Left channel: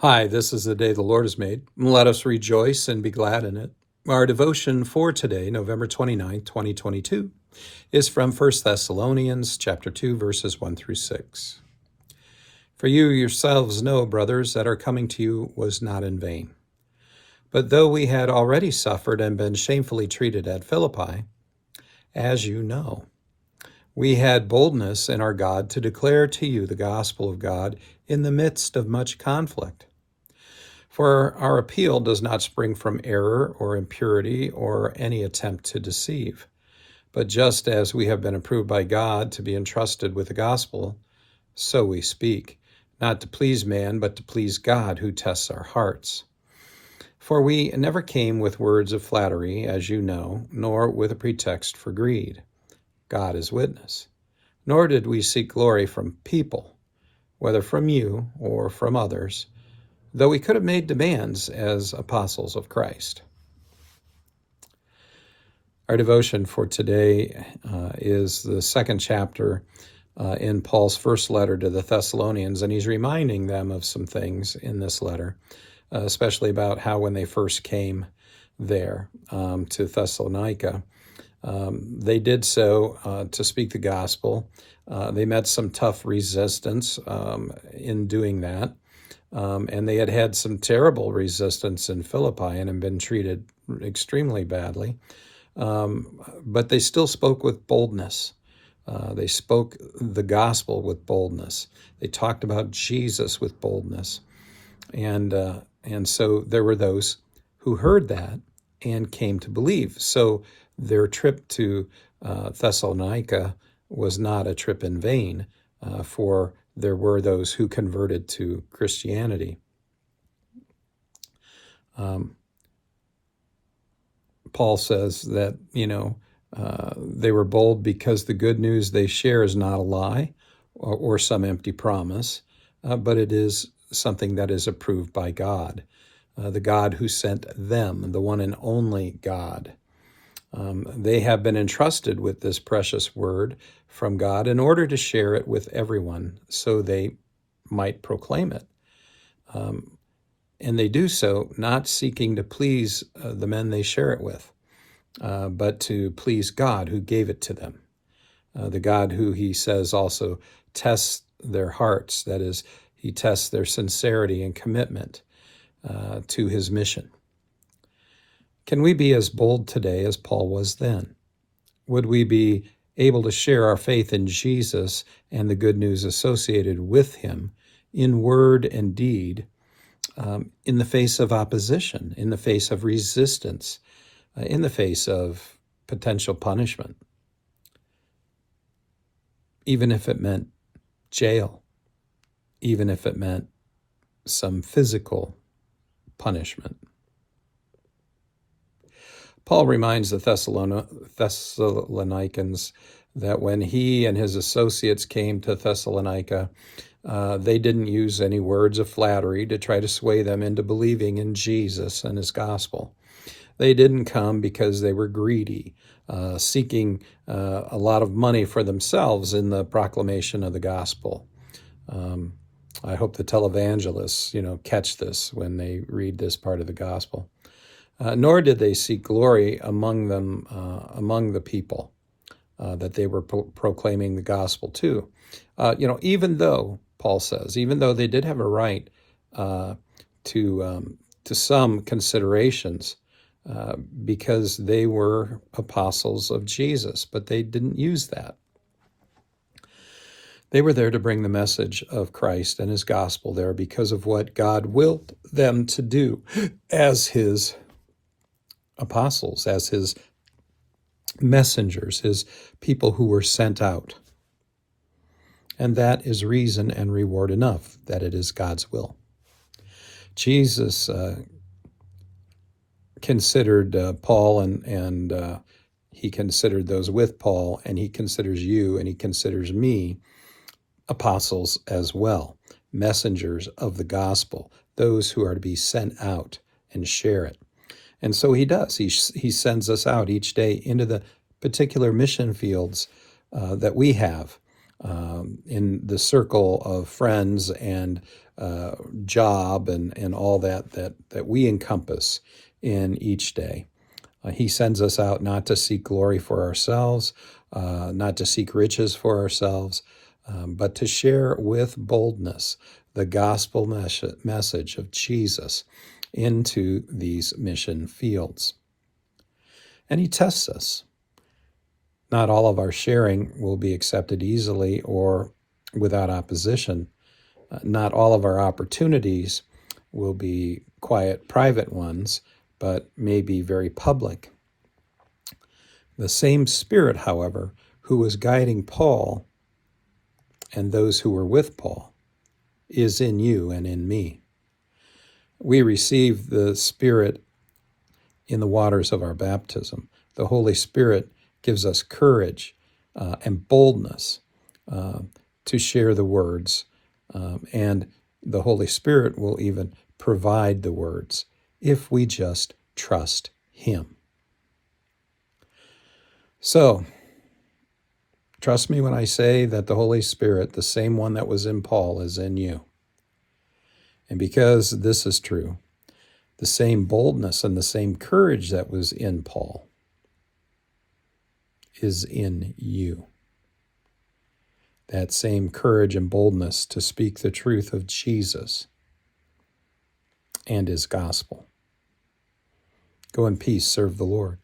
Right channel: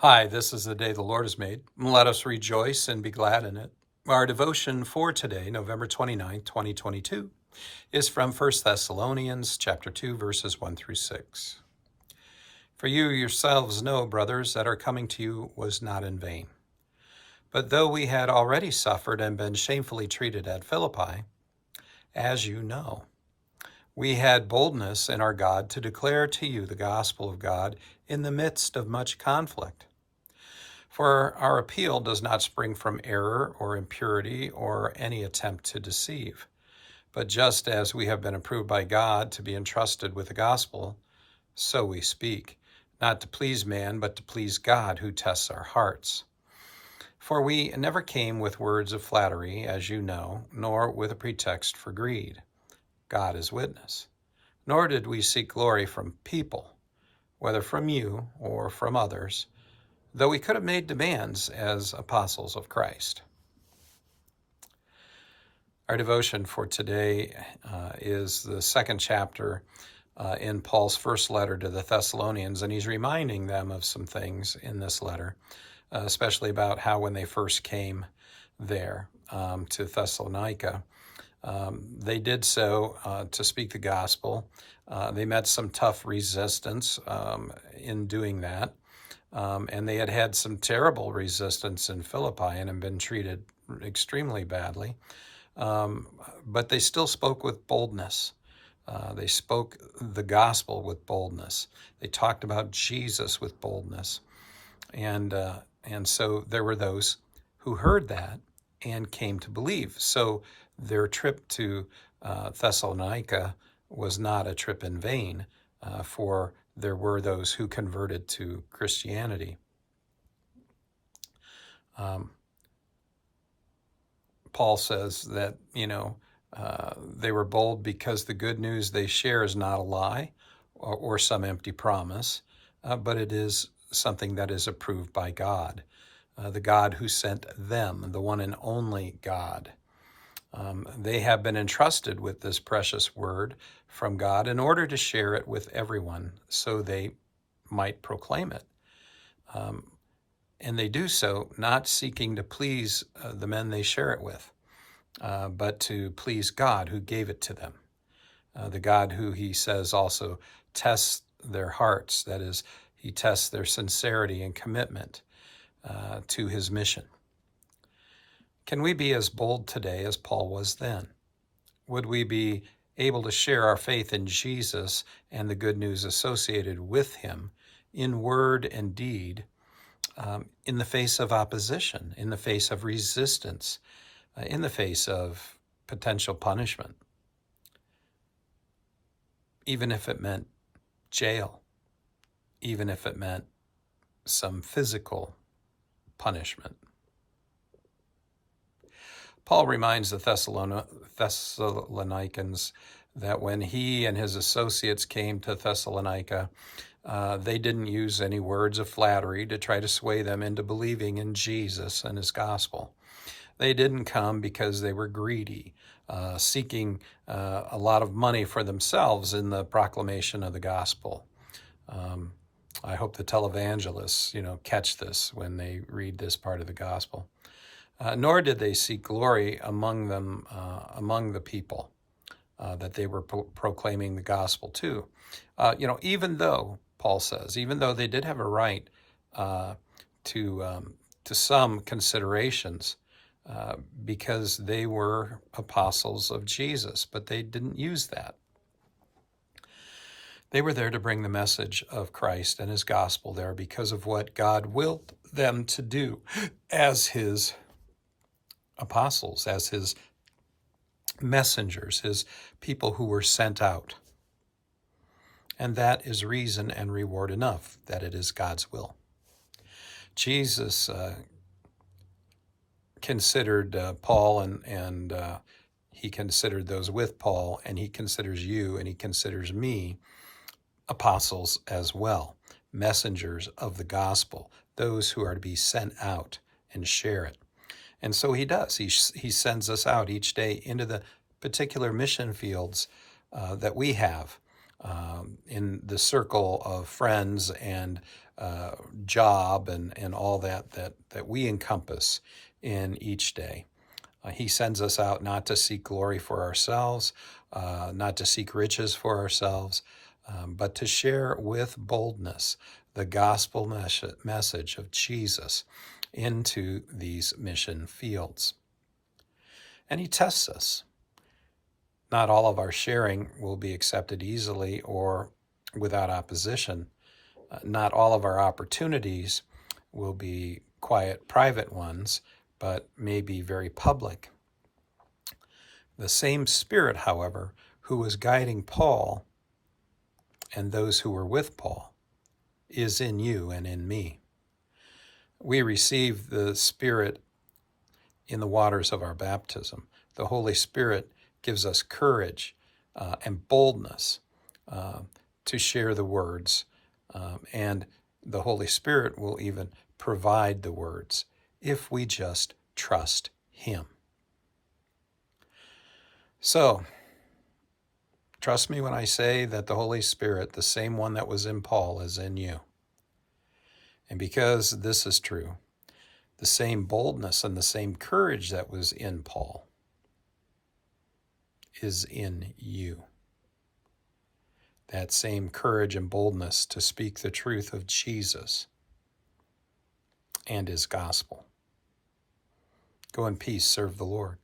Hi, this is the day the Lord has made. Let us rejoice and be glad in it. Our devotion for today, November 29th, 2022, is from 1 Thessalonians chapter 2, verses 1 through 6. For you yourselves know, brothers, that our coming to you was not in vain. But though we had already suffered and been shamefully treated at Philippi, as you know, we had boldness in our God to declare to you the gospel of God in the midst of much conflict. For our appeal does not spring from error or impurity or any attempt to deceive, but just as we have been approved by God to be entrusted with the gospel, so we speak, not to please man, but to please God who tests our hearts. For we never came with words of flattery, as you know, nor with a pretext for greed. God is witness. Nor did we seek glory from people, whether from you or from others, though we could have made demands as apostles of Christ. Our devotion for today is the second chapter in Paul's first letter to the Thessalonians, and he's reminding them of some things in this letter, especially about how when they first came there to Thessalonica, they did so to speak the gospel. They met some tough resistance in doing that. And they had had some terrible resistance in Philippi and had been treated extremely badly. But they still spoke with boldness. They spoke the gospel with boldness. They talked about Jesus with boldness. And so there were those who heard that and came to believe. So their trip to Thessalonica was not a trip in vain, for there were those who converted to Christianity. Paul says that, they were bold because the good news they share is not a lie or some empty promise, but it is something that is approved by God, the God who sent them, the one and only God. They have been entrusted with this precious word from God in order to share it with everyone so they might proclaim it. And they do so not seeking to please the men they share it with, but to please God who gave it to them. The God who, he says, also tests their hearts. That is, he tests their sincerity and commitment to his mission. Can we be as bold today as Paul was then? Would we be able to share our faith in Jesus and the good news associated with him in word and deed, in the face of opposition, in the face of resistance, in the face of potential punishment, even if it meant jail, even if it meant some physical punishment? Paul reminds the Thessalonians that when he and his associates came to Thessalonica, they didn't use any words of flattery to try to sway them into believing in Jesus and his gospel. They didn't come because they were greedy, seeking a lot of money for themselves in the proclamation of the gospel. I hope the televangelists, catch this when they read this part of the gospel. Nor did they seek glory among them, among the people that they were proclaiming the gospel to. Even though, Paul says, even though they did have a right to some considerations because they were apostles of Jesus, but they didn't use that. They were there to bring the message of Christ and his gospel there because of what God willed them to do as his apostles, as his messengers, his people who were sent out. And that is reason and reward enough that it is God's will. Jesus considered Paul and he considered those with Paul, and he considers you and he considers me apostles as well, messengers of the gospel, those who are to be sent out and share it. And so he does. He sends us out each day into the particular mission fields that we have in the circle of friends and job and all that we encompass in each day. He sends us out not to seek glory for ourselves, not to seek riches for ourselves, but to share with boldness the gospel message of Jesus into these mission fields. And he tests us. Not all of our sharing will be accepted easily or without opposition. Not all of our opportunities will be quiet, private ones, but may be very public. The same Spirit, however, who was guiding Paul and those who were with Paul is in you and in me. We receive the Spirit in the waters of our baptism. The Holy Spirit gives us courage and boldness to share the words, and the Holy Spirit will even provide the words if we just trust Him. So, trust me when I say that the Holy Spirit, the same one that was in Paul, is in you. And because this is true, the same boldness and the same courage that was in Paul is in you. That same courage and boldness to speak the truth of Jesus and His gospel. Go in peace, serve the Lord.